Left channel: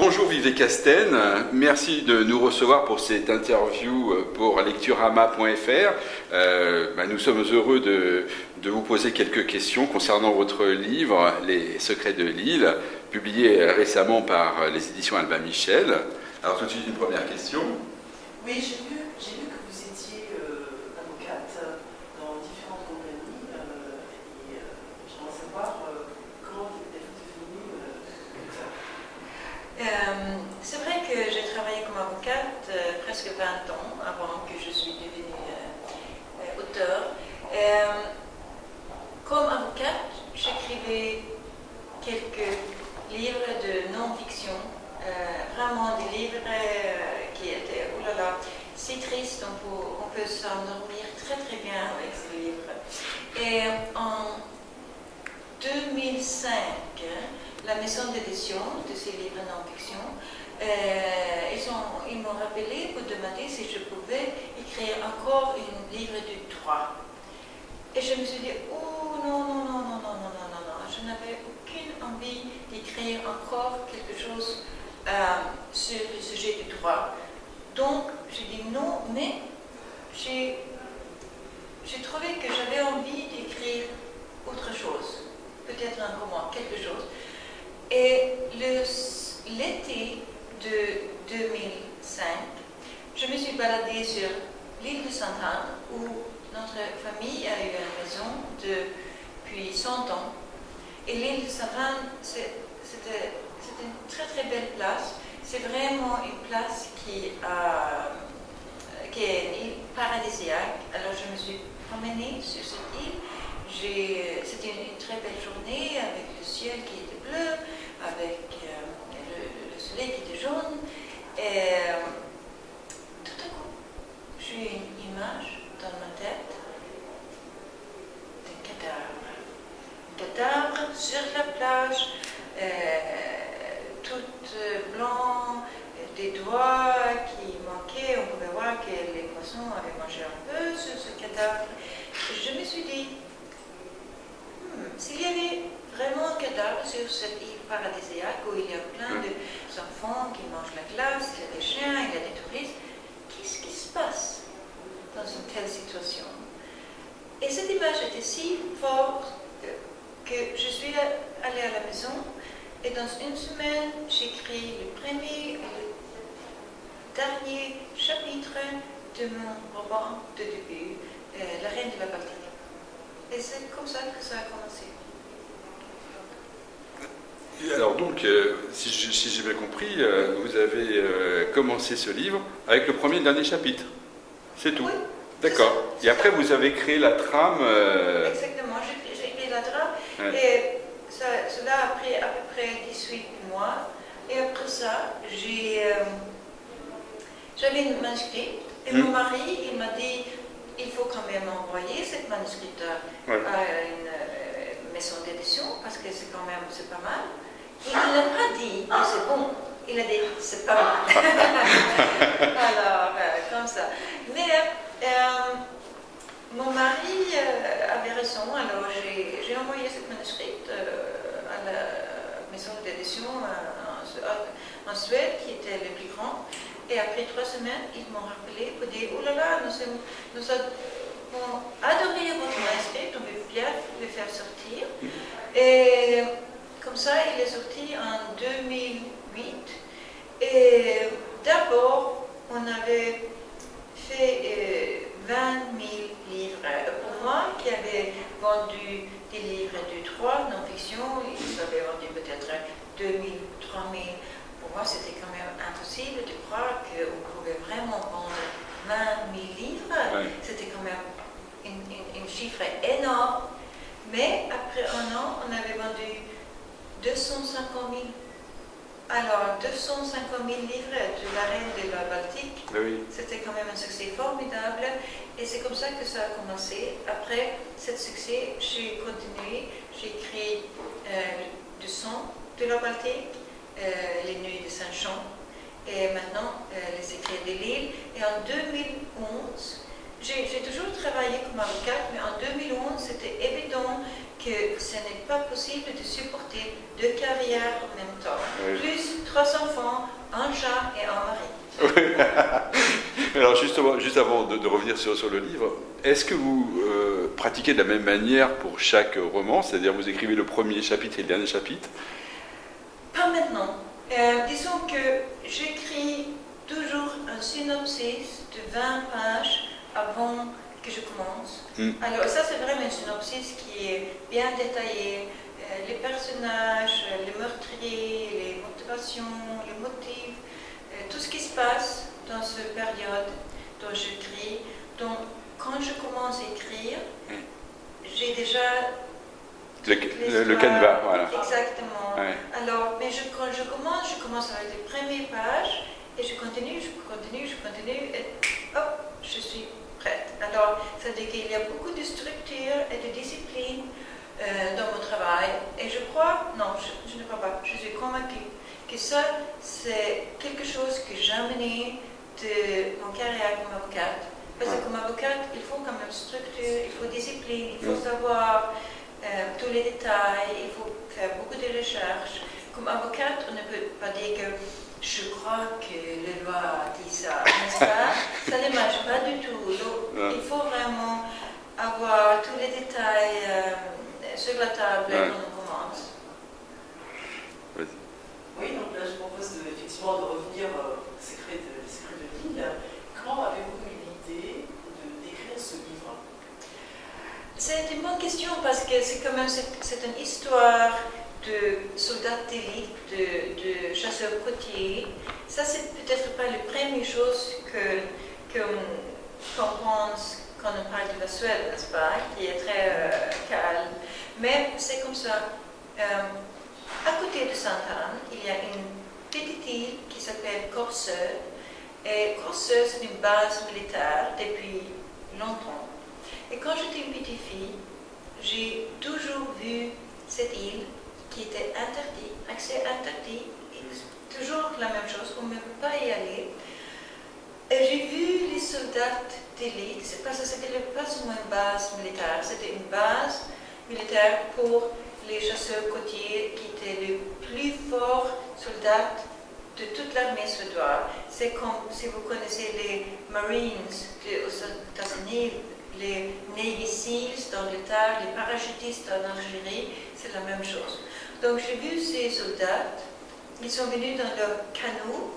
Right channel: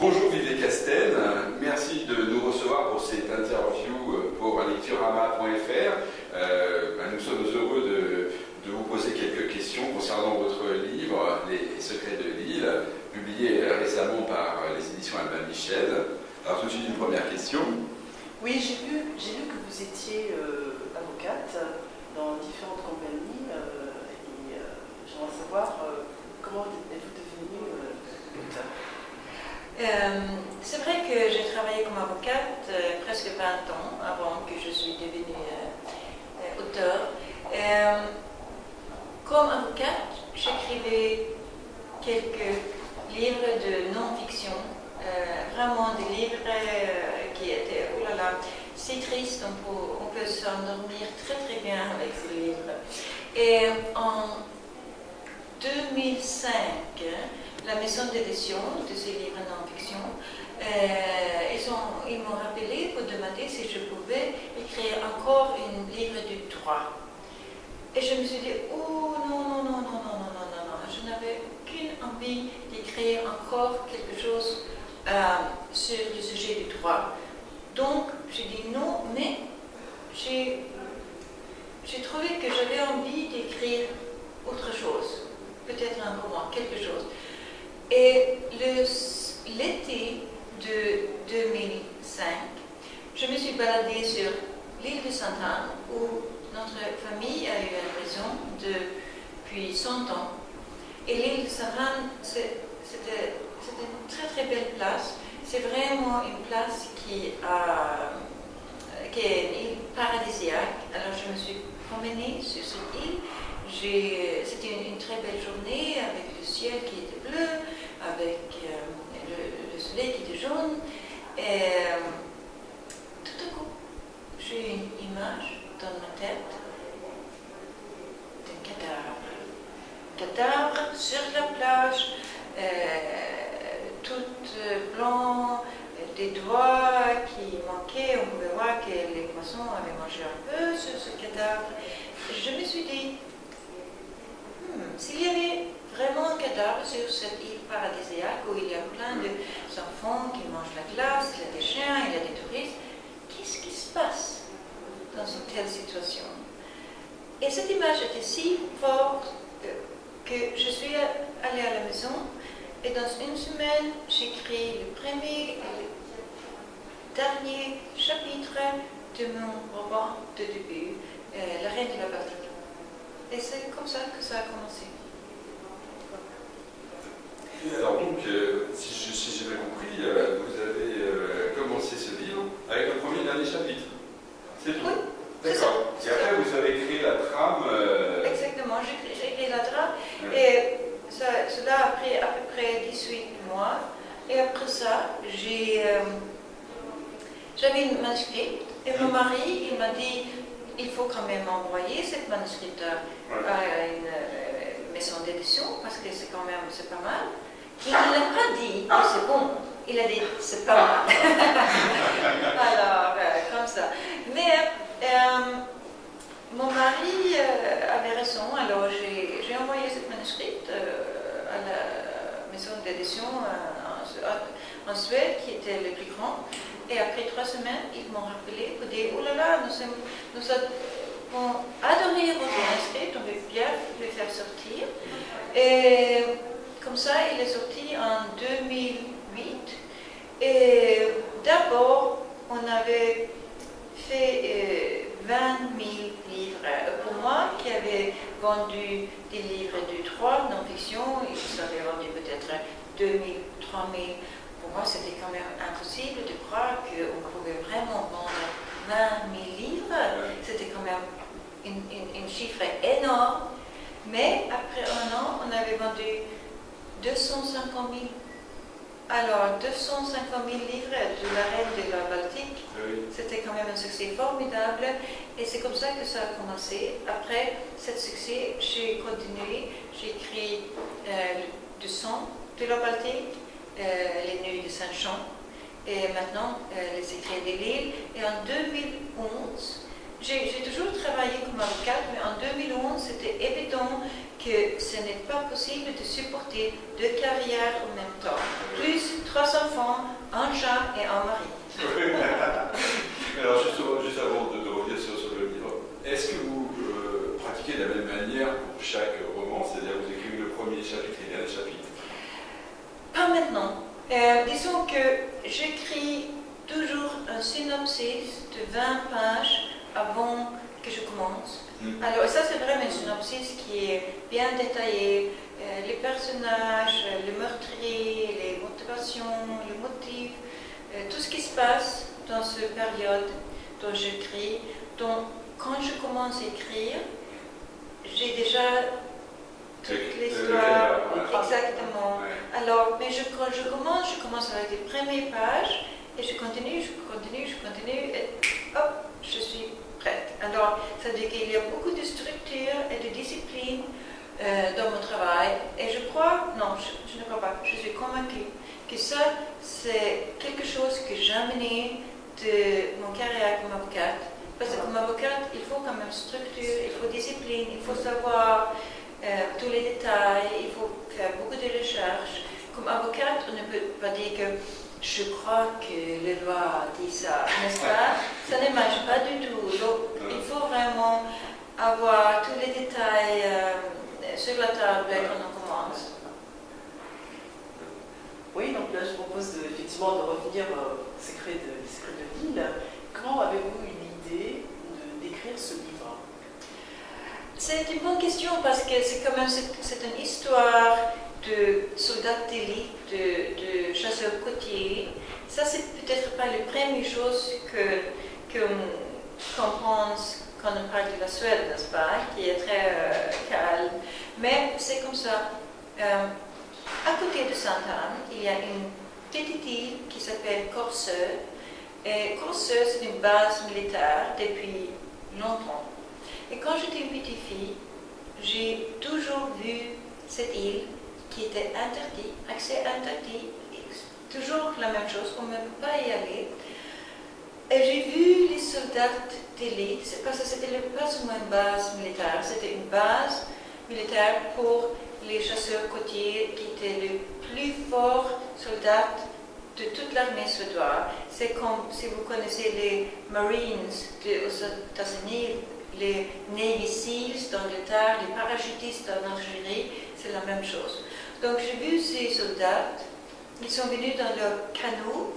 Bonjour Vivet Casten, merci de nous recevoir pour cette interview pour lecturama.fr. Nous sommes heureux de vous poser quelques questions concernant votre livre « Les secrets de l'île », publié récemment par les éditions Albin Michel. Alors tout de suite une première question. Oui, j'ai lu que vous étiez avocate dans différentes compagnies et j'aimerais savoir comment êtes-vous devenue auteur. C'est vrai que j'ai travaillé comme avocate presque 20 ans avant que je suis devenue auteur. Comme avocate, j'écrivais quelques livres de non-fiction, vraiment des livres qui étaient, oh là là, si tristes, on peut s'endormir très très bien avec ces livres. Et en 2005, la maison d'édition de ces livres non-fiction, ils m'ont rappelé pour demander si je pouvais écrire encore un livre de droit. Et je me suis dit, oh non, je n'avais aucune envie d'écrire encore quelque chose sur le sujet du droit. Donc, j'ai dit non, mais j'ai trouvé que j'avais envie d'écrire autre chose, peut-être un roman, quelque chose. Et l'été de 2005, je me suis baladée sur l'île de Sainte-Anne, où notre famille a eu une maison depuis 100 ans. Et l'île de Sainte-Anne, c'était une très très belle place. C'est vraiment une place qui est une île paradisiaque. Alors je me suis promenée sur cette île. C'était une très belle journée avec le ciel qui était bleu, avec le soleil qui était jaune. Et tout à coup, j'ai eu une image dans ma tête d'un cadavre. Un cadavre sur la plage, tout blanc, des doigts qui manquaient. On pouvait voir que les poissons avaient mangé un peu sur ce cadavre. Je me suis dit, s'il y avait vraiment un cadavre sur cette île paradisiaque où il y a plein d'enfants qui mangent la glace, il y a des chiens, il y a des touristes, qu'est-ce qui se passe dans une telle situation? Et cette image était si forte que je suis allée à la maison et dans une semaine, j'écris le premier et le dernier chapitre de mon roman de début, La Reine de la Baltique. Et c'est comme ça que ça a commencé. Et alors donc, si j'ai bien compris, vous avez commencé ce livre avec le premier et dernier chapitre. C'est tout. Oui. D'accord. Et après, vous avez créé la trame. Exactement, j'ai créé la trame. Ouais. Et cela a pris à peu près 18 mois. Et après ça, j'avais une manuscrit. Et mon mari, il m'a dit, il faut quand même envoyer cette manuscrit à une maison d'édition, parce que c'est quand même, c'est pas mal. Et il n'a pas dit que c'est bon. Il a dit, c'est pas mal. Alors, comme ça. Mais mon mari avait raison, alors j'ai envoyé cette manuscrit à la maison d'édition en Suède, qui était le plus grand. Et après 3 semaines, ils m'ont rappelé pour dire, oh là là, nous avons adoré votre manuscrit, on veut bien le faire sortir. Et comme ça, il est sorti en 2008. Et d'abord, on avait fait 20 000 livres. Pour moi, qui avait vendu des livres de droit, non-fiction, ils avaient vendu peut-être 2 000, 3 000. Pour moi, c'était quand même impossible de croire qu'on pouvait vraiment vendre 20 000 livres. C'était quand même un chiffre énorme. Mais après 1 an, on avait vendu 250 000. Alors, 250 000 livres de La Reine de la Baltique, oui. C'était quand même un succès formidable. Et c'est comme ça que ça a commencé. Après ce succès, j'ai continué. J'ai écrit Le sang de la Baltique, Les Nuits de Saint-Jean, et maintenant Les Secrets de l'île. Et en 2011, j'ai toujours travaillé comme avocate, mais en 2011, c'était évident que ce n'est pas possible de supporter 2 carrières en même temps, plus 3 enfants, un chat et un mari. Alors justement, juste avant de revenir sur le livre, est-ce que vous pratiquez de la même manière pour chaque roman, c'est-à-dire vous écrivez le premier chapitre et le dernier chapitre? Pas maintenant. Disons que j'écris toujours un synopsis de 20 pages avant que je commence. Alors ça c'est vraiment un synopsis qui est bien détaillé, les personnages, les meurtriers, les motivations, les motifs, tout ce qui se passe dans cette période dont j'écris. Donc quand je commence à écrire, j'ai déjà le canevas, voilà. Exactement. Ouais. Alors, mais quand je commence avec les premières pages et je continue, et hop, je suis prête. Alors, ça veut dire qu'il y a beaucoup de structure et de discipline dans mon travail. Et je crois, non, je ne crois pas, je suis convaincue que ça, c'est quelque chose que j'ai amené de mon carrière comme avocate. Parce que comme avocate, il faut quand même structure, il faut discipline, il faut savoir tous les détails, il faut faire beaucoup de recherches. Comme avocate, on ne peut pas dire que je crois que la loi dit ça, n'est-ce pas? Ça ne marche pas du tout. Donc, il faut vraiment avoir tous les détails sur la table quand on commence. Oui, donc là je propose effectivement de revenir au secret de l'île. Comment avez-vous eu l'idée d'écrire ce livre? C'est une bonne question parce que c'est quand même c'est une histoire de soldats d'élite, de chasseurs côtiers. Ça c'est peut-être pas la première chose qu'on pense quand on parle de la Suède, n'est-ce pas, qui est très calme. Mais c'est comme ça. À côté de Sainte-Anne, il y a une petite île qui s'appelle Corseux. Et Corseux, c'est une base militaire depuis longtemps. Et quand j'étais une petite fille, j'ai toujours vu cette île qui était interdite, accès interdit, toujours la même chose, on ne peut pas y aller. Et j'ai vu les soldats d'élite, parce que c'était pas seulement une base militaire, c'était une base militaire pour les chasseurs côtiers qui étaient les plus forts soldats de toute l'armée suédoise. C'est comme si vous connaissez les Marines aux États-Unis, les Navy Seals d'Angleterre, les parachutistes en Algérie, c'est la même chose. Donc j'ai vu ces soldats, ils sont venus dans leur canot,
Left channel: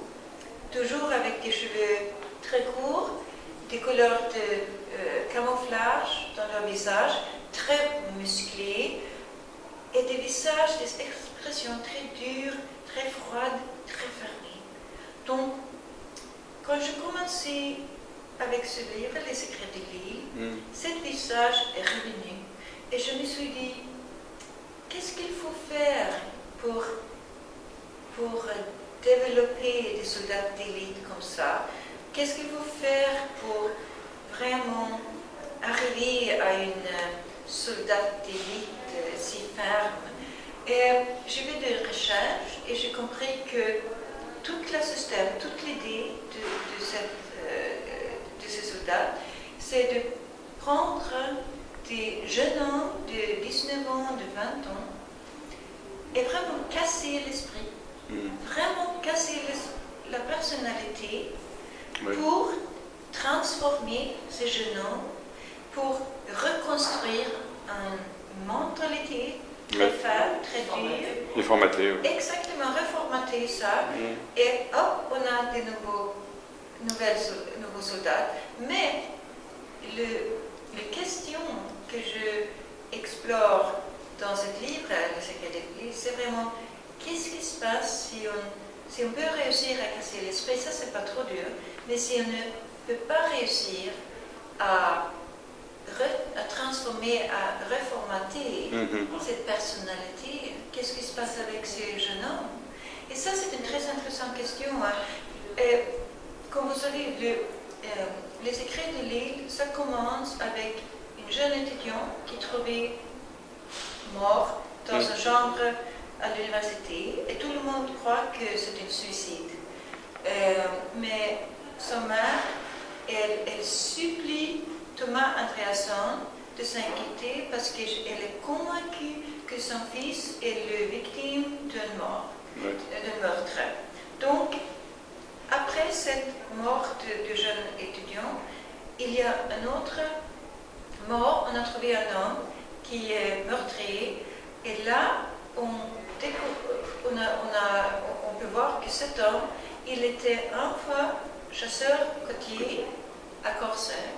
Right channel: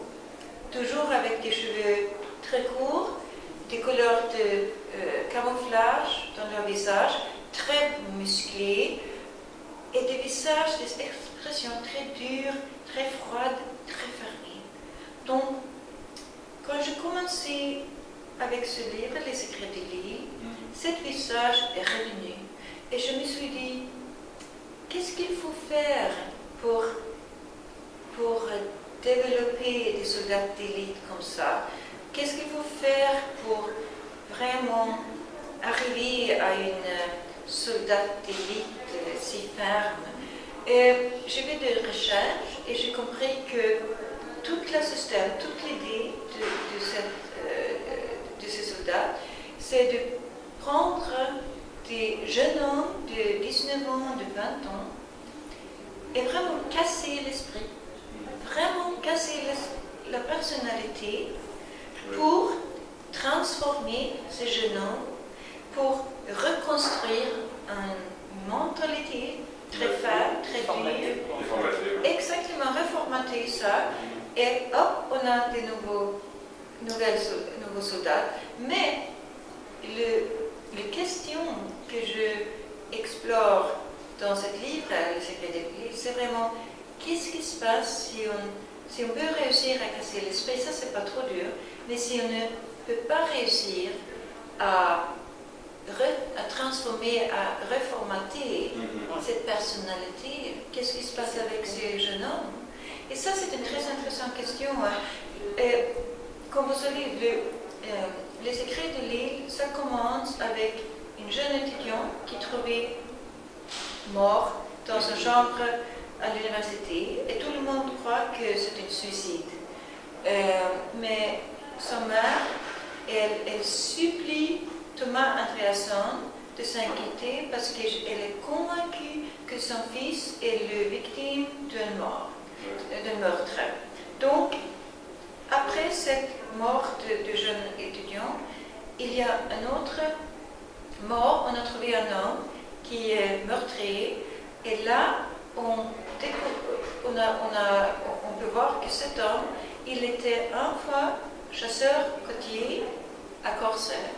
toujours avec des cheveux très courts, des couleurs de camouflage dans leur visage, très musclés, et des visages, des expressions très dures, très froides, très fermées. Donc, quand je commençais avec ce livre, Les secrets de l'île, ce visage est revenu. Et je me suis dit, qu'est-ce qu'il faut faire pour développer des soldats d'élite comme ça? Qu'est-ce qu'il faut faire pour vraiment arriver à une soldat d'élite si ferme? Et j'ai fait des recherches et j'ai compris que tout le système, toute l'idée de ces soldats, c'est de prendre des jeunes hommes de 19 ans, de 20 ans, et vraiment casser l'esprit, vraiment casser la personnalité pour transformer ces jeunes hommes, pour reconstruire une mentalité très faible, très dure. Réformater. Exactement, reformater ça. Et hop, on a des nouveaux soldats. Mais les questions que je explore dans ce livre, Le secret de l'île, c'est vraiment qu'est-ce qui se passe si on peut réussir à casser l'esprit, ça c'est pas trop dur, mais si on ne peut pas réussir à transformer, à reformater cette personnalité, qu'est-ce qui se passe avec ces jeunes hommes? Et ça c'est une très intéressante question. Et, comme vous savez, Les secrets de l'île, ça commence avec une jeune étudiante qui trouvait mort dans une chambre à l'université et tout le monde croit que c'est un suicide. Mais sa mère, elle supplie Thomas Andréasson de s'inquiéter parce qu'elle est convaincue que son fils est le victime d'un meurtre. Donc, après cette mort de jeune étudiant, il y a un autre mort. On a trouvé un homme qui est meurtrier. Et là, on peut voir que cet homme, il était un fois chasseur côtier à Corsair.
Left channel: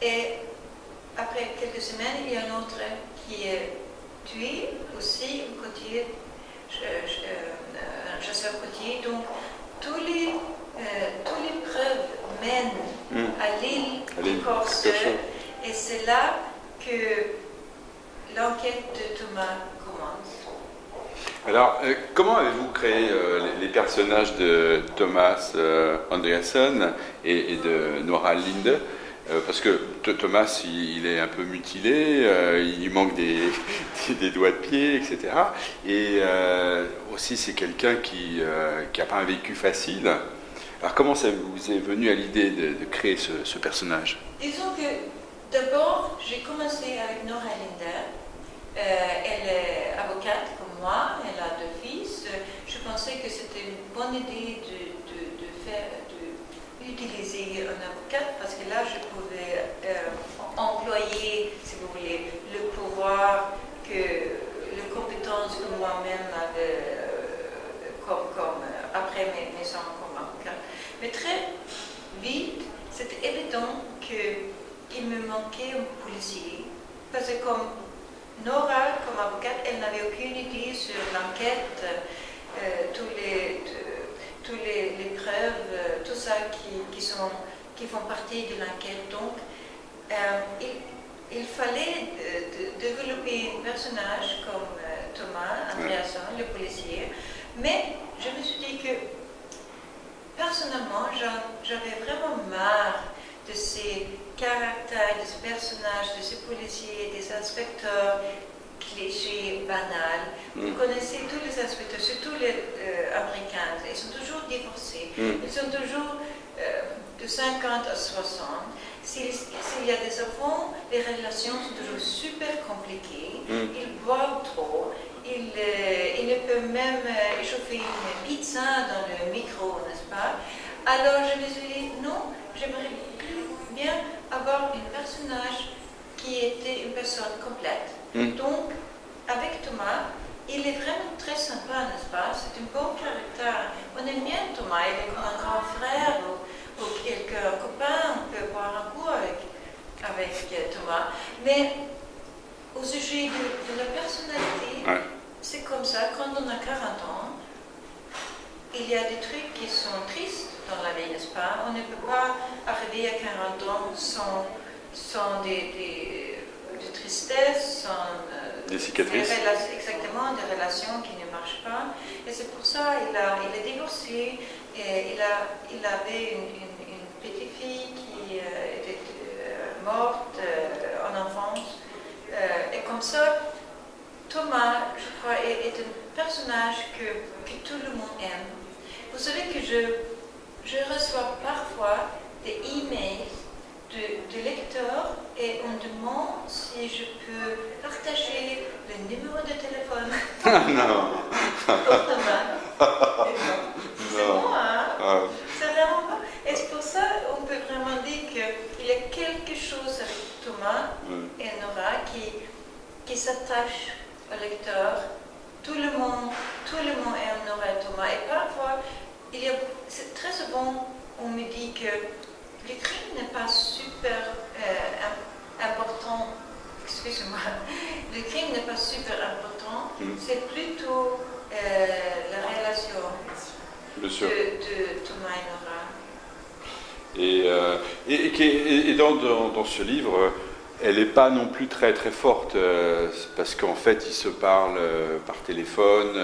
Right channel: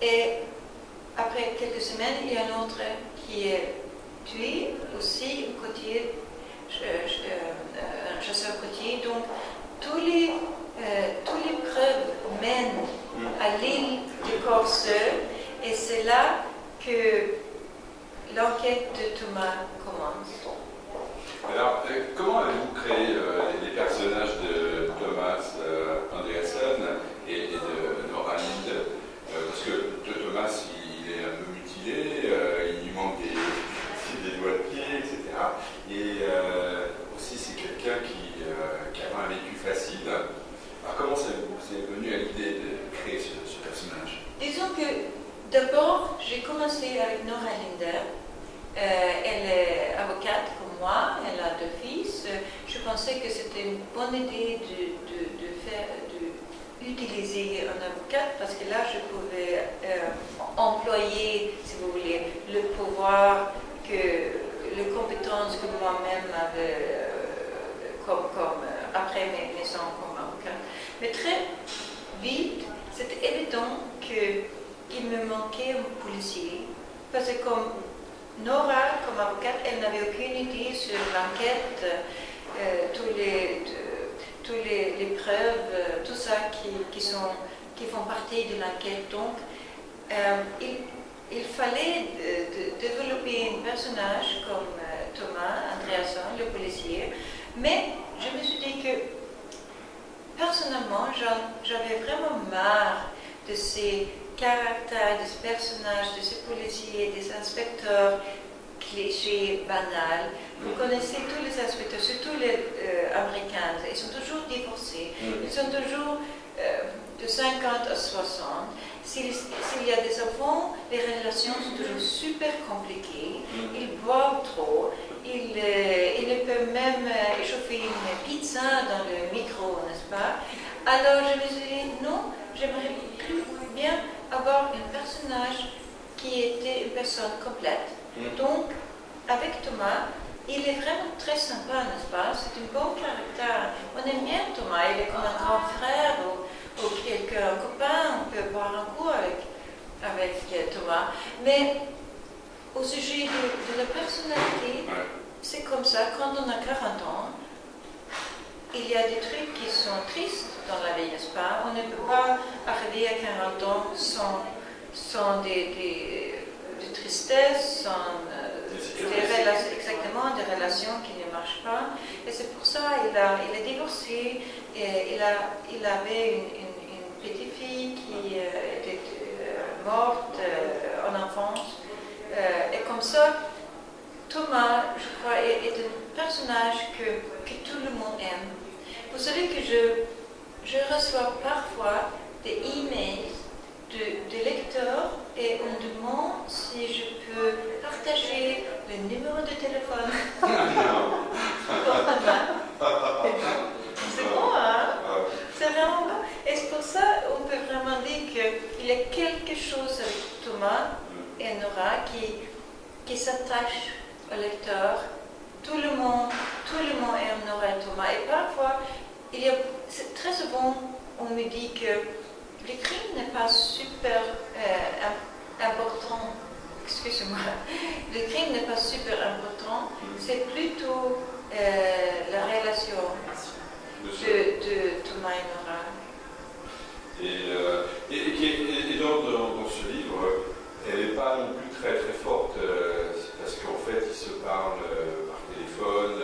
Et après quelques semaines, il y a un autre qui est tué aussi, un chasseur côtier. Donc, tous les preuves mènent à l'île de Corsair. Et c'est là que l'enquête de Thomas commence. Alors, comment avez-vous créé les personnages de Thomas Anderson et de Nora Linde? Parce que Thomas, il est un peu mutilé, il lui manque des doigts de pied, etc. Et aussi, c'est quelqu'un qui n'a pas un vécu facile. Alors, comment ça vous est venu à l'idée de créer ce personnage? Disons que d'abord, j'ai commencé avec Nora Linde. Elle est avocate comme moi, elle a 2 fils. Je pensais que c'était une bonne idée d'utiliser un avocat parce que là, je pouvais employer, si vous voulez, le pouvoir, les compétences que moi-même avais après mes ans comme avocat. Mais très vite, c'était évident qu'il me manquait un policier parce que comme Nora, comme avocate, elle n'avait aucune idée sur l'enquête, toutes les preuves, tout ça qui font partie de l'enquête. Donc, il fallait développer un personnage comme Thomas Andreasson, le policier. Mais je me suis dit que, personnellement, j'avais vraiment marre de ces caractères, de ce personnage, de ce policier, des inspecteurs clichés, banals. Vous connaissez tous les inspecteurs, surtout les Américains, ils sont toujours divorcés, ils sont toujours de 50 à 60. S'il y a des enfants, les relations sont toujours super compliquées, ils boivent trop, ils ne peuvent même échauffer une pizza dans le micro, n'est-ce pas? Alors je me suis dit, non, j'aimerais plus bien avoir un personnage qui était une personne complète. Donc, avec Thomas, il est vraiment très sympa, n'est-ce pas? C'est un bon caractère. On aime bien Thomas, il est comme un grand frère ou quelqu'un, un copain, on peut boire un coup avec Thomas. Mais au sujet de la personnalité, c'est comme ça, quand on a 40 ans, il y a des trucs qui sont tristes dans la vie, n'est-ce pas? On ne peut pas arriver à 40 ans sans des tristesses, sans exactement, des relations qui ne marchent pas. Et c'est pour ça qu'il est divorcé. Et il avait une petite fille qui était morte en enfance. Et comme ça, Thomas, je crois, est un personnage que tout le monde aime. Vous savez que je reçois parfois des emails de lecteurs et on demande si je peux partager le numéro de téléphone. C'est bon, hein? C'est vraiment bon. Et c'est pour ça qu'on peut vraiment dire qu'il y a quelque chose avec Thomas et Nora qui s'attache au lecteur. Tout le monde aime Nora et Thomas. Et parfois, très souvent, on me dit que le crime n'est pas super important. Excusez-moi. Le crime n'est pas super important. C'est plutôt la relation de Thomas et Nora. Et dans ce livre, elle n'est pas non plus très très forte parce qu'en fait, ils se parlent par téléphone.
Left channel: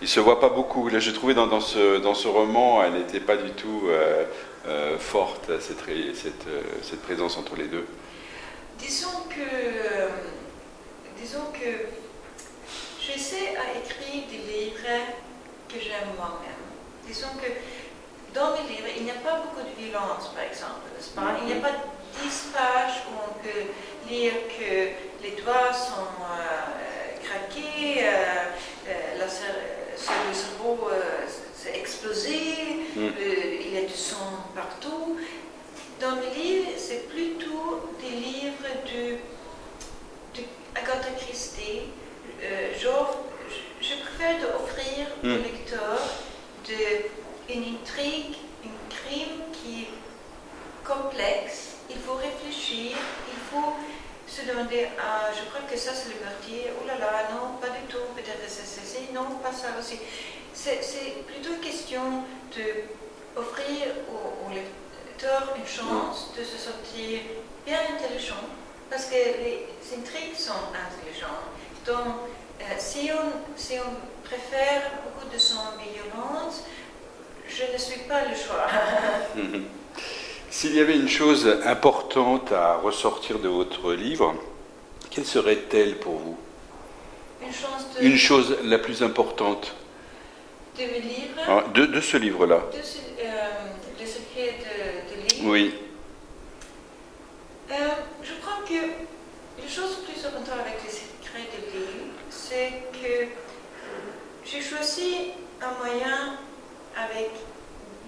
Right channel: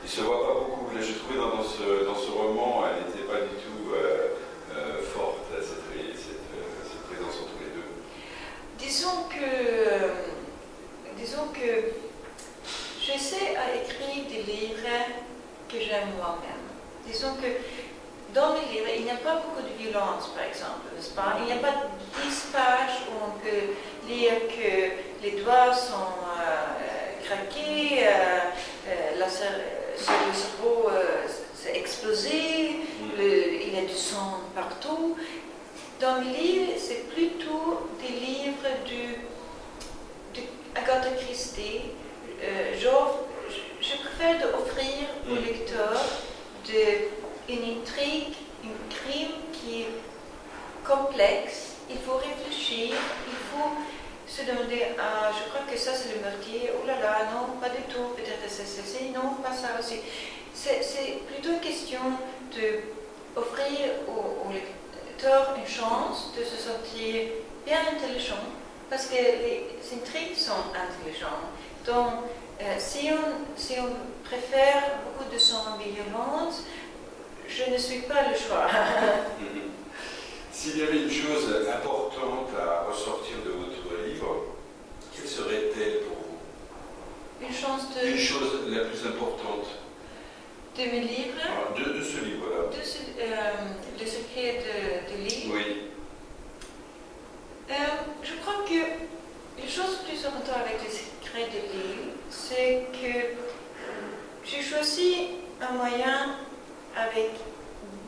Ils ne se voient pas beaucoup. Là, j'ai trouvé dans ce roman, elle n'était pas du tout forte, cette présence entre les deux. Disons que j'essaie à écrire des livres que j'aime moi-même. Disons que dans mes livres, il n'y a pas beaucoup de violence, par exemple, n'est-ce pas? Il n'y a pas 10 pages où on peut lire que les doigts sont craqués, le cerveau s'est explosé, il y a du sang partout. Dans mes livres, c'est plutôt des livres d'Agatha Christie. Je préfère d'offrir au lecteur une intrigue, un crime qui est complexe. Il faut réfléchir, il faut se demander, je crois que ça c'est le meurtrier, oh là là, non, pas du tout, peut-être c'est ceci, non, pas ça aussi. C'est plutôt une question d'offrir au lecteur une chance de se sentir bien intelligent, parce que les intrigues sont intelligentes. Donc, si on préfère beaucoup de sang et violence, je ne suis pas le choix. S'il y avait une chose importante à ressortir de votre livre, quelle serait-elle pour vous? Une chose la plus importante de mes livres? De ce livre-là. De ce qui est de livre? Oui. Je crois que la chose plus importante avec les secrets de livre, c'est que j'ai choisi un moyen avec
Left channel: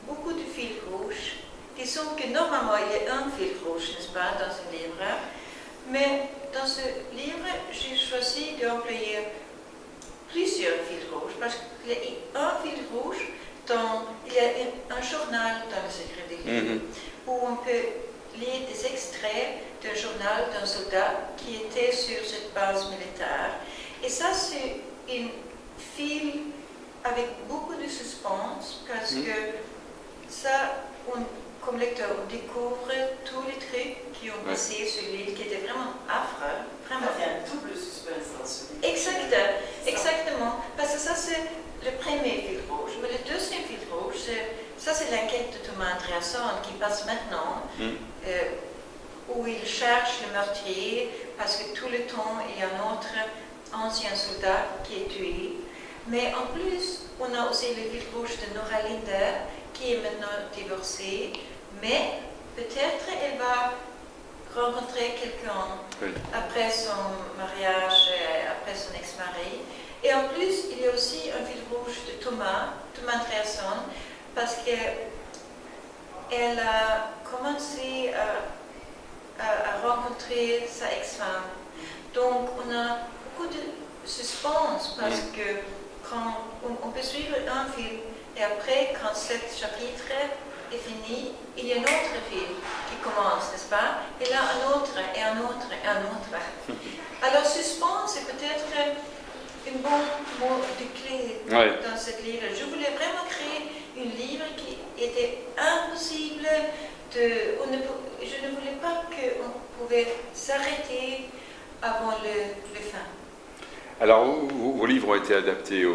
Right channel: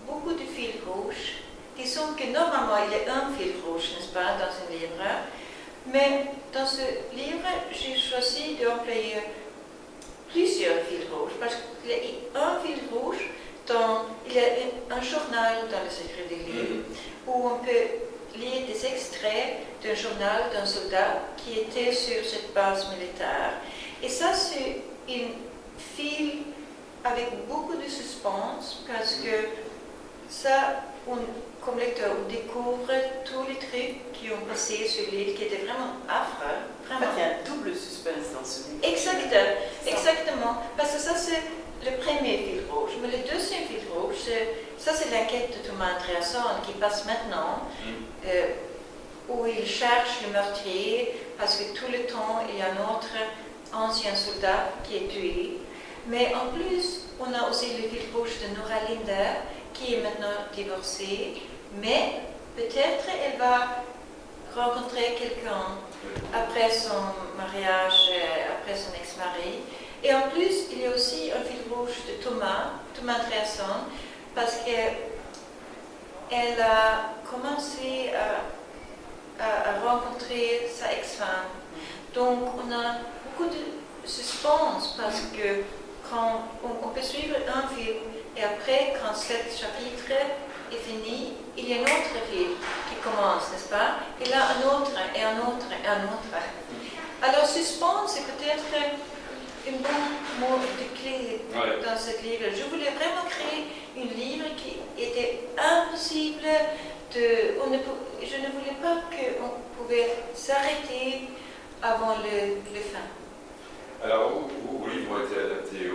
beaucoup de fils rouges, qui sont que normalement il y a un fil rouge, n'est-ce pas, dans un livre. Mais dans ce livre, j'ai choisi d'employer plusieurs fils rouges, parce qu'il y a un fil rouge, il y a un journal dans le secret des livres, où on peut lire des extraits d'un journal d'un soldat qui était sur cette base militaire. Et ça, c'est un fil avec beaucoup de suspense, parce que ça, comme lecteur, on découvre tous les trucs qui ont passé sur l'île, qui étaient vraiment affreux. Vraiment. Il y a un double suspense dans ce livre. Exactement. Parce que ça, c'est le premier fil rouge. Mais le deuxième fil rouge, ça, c'est l'enquête de Thomas Andréasson qui passe maintenant, où il cherche le meurtrier, parce que tout le temps, il y a un autre ancien soldat qui est tué. Mais en plus, on a aussi le fil rouge de Nora Linder, qui est maintenant divorcée, mais peut-être elle va rencontrer quelqu'un après son mariage, après son ex-mari. Et en plus, il y a aussi un fil rouge de Thomas Andréasson, parce qu'elle a commencé à rencontrer sa ex-femme. Donc, on a beaucoup de suspense, parce que quand on peut suivre un film, et après, quand ce chapitre est fini, il y a un autre film qui commence, n'est-ce pas? Et là, un autre, et un autre, et un autre. Alors, suspense, c'est peut-être un bon mot de clé dans ce livre. Je voulais vraiment créer un livre qui était impossible je ne voulais pas qu'on pouvait s'arrêter avant le fin. Alors, vos livres ont été adaptés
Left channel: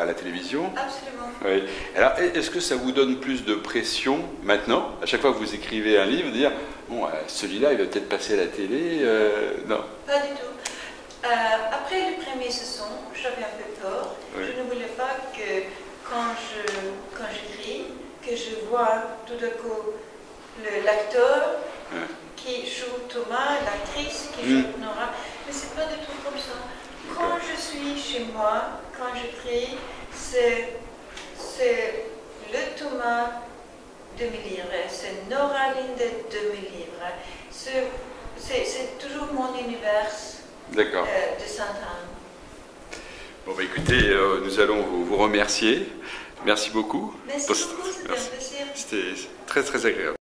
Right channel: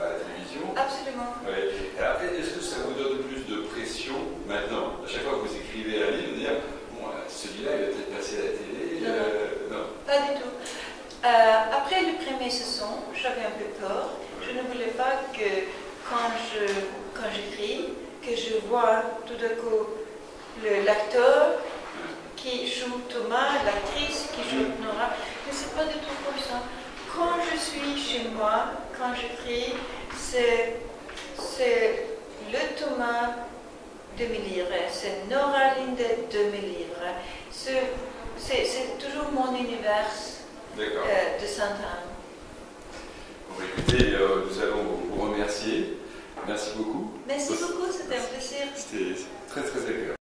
à la télévision? Absolument. Oui. Alors, est-ce que ça vous donne plus de pression maintenant, à chaque fois que vous écrivez un livre, de dire, bon, celui-là, il va peut-être passer à la télé? Non. Pas du tout. Après la première saison, j'avais un peu peur. Oui. Je ne voulais pas que, quand j'écris, que je vois tout d'un coup l'acteur qui joue Thomas, l'actrice qui joue Nora. Mais c'est pas du tout comme ça. Quand je suis chez moi, quand j'écris, c'est le Thomas de mes livres, c'est Nora Linder de mes livres. C'est toujours mon univers de Sainte-Anne. Bon, bah, écoutez, nous allons vous remercier. Merci beaucoup. Merci beaucoup, c'était un plaisir. C'était très très agréable.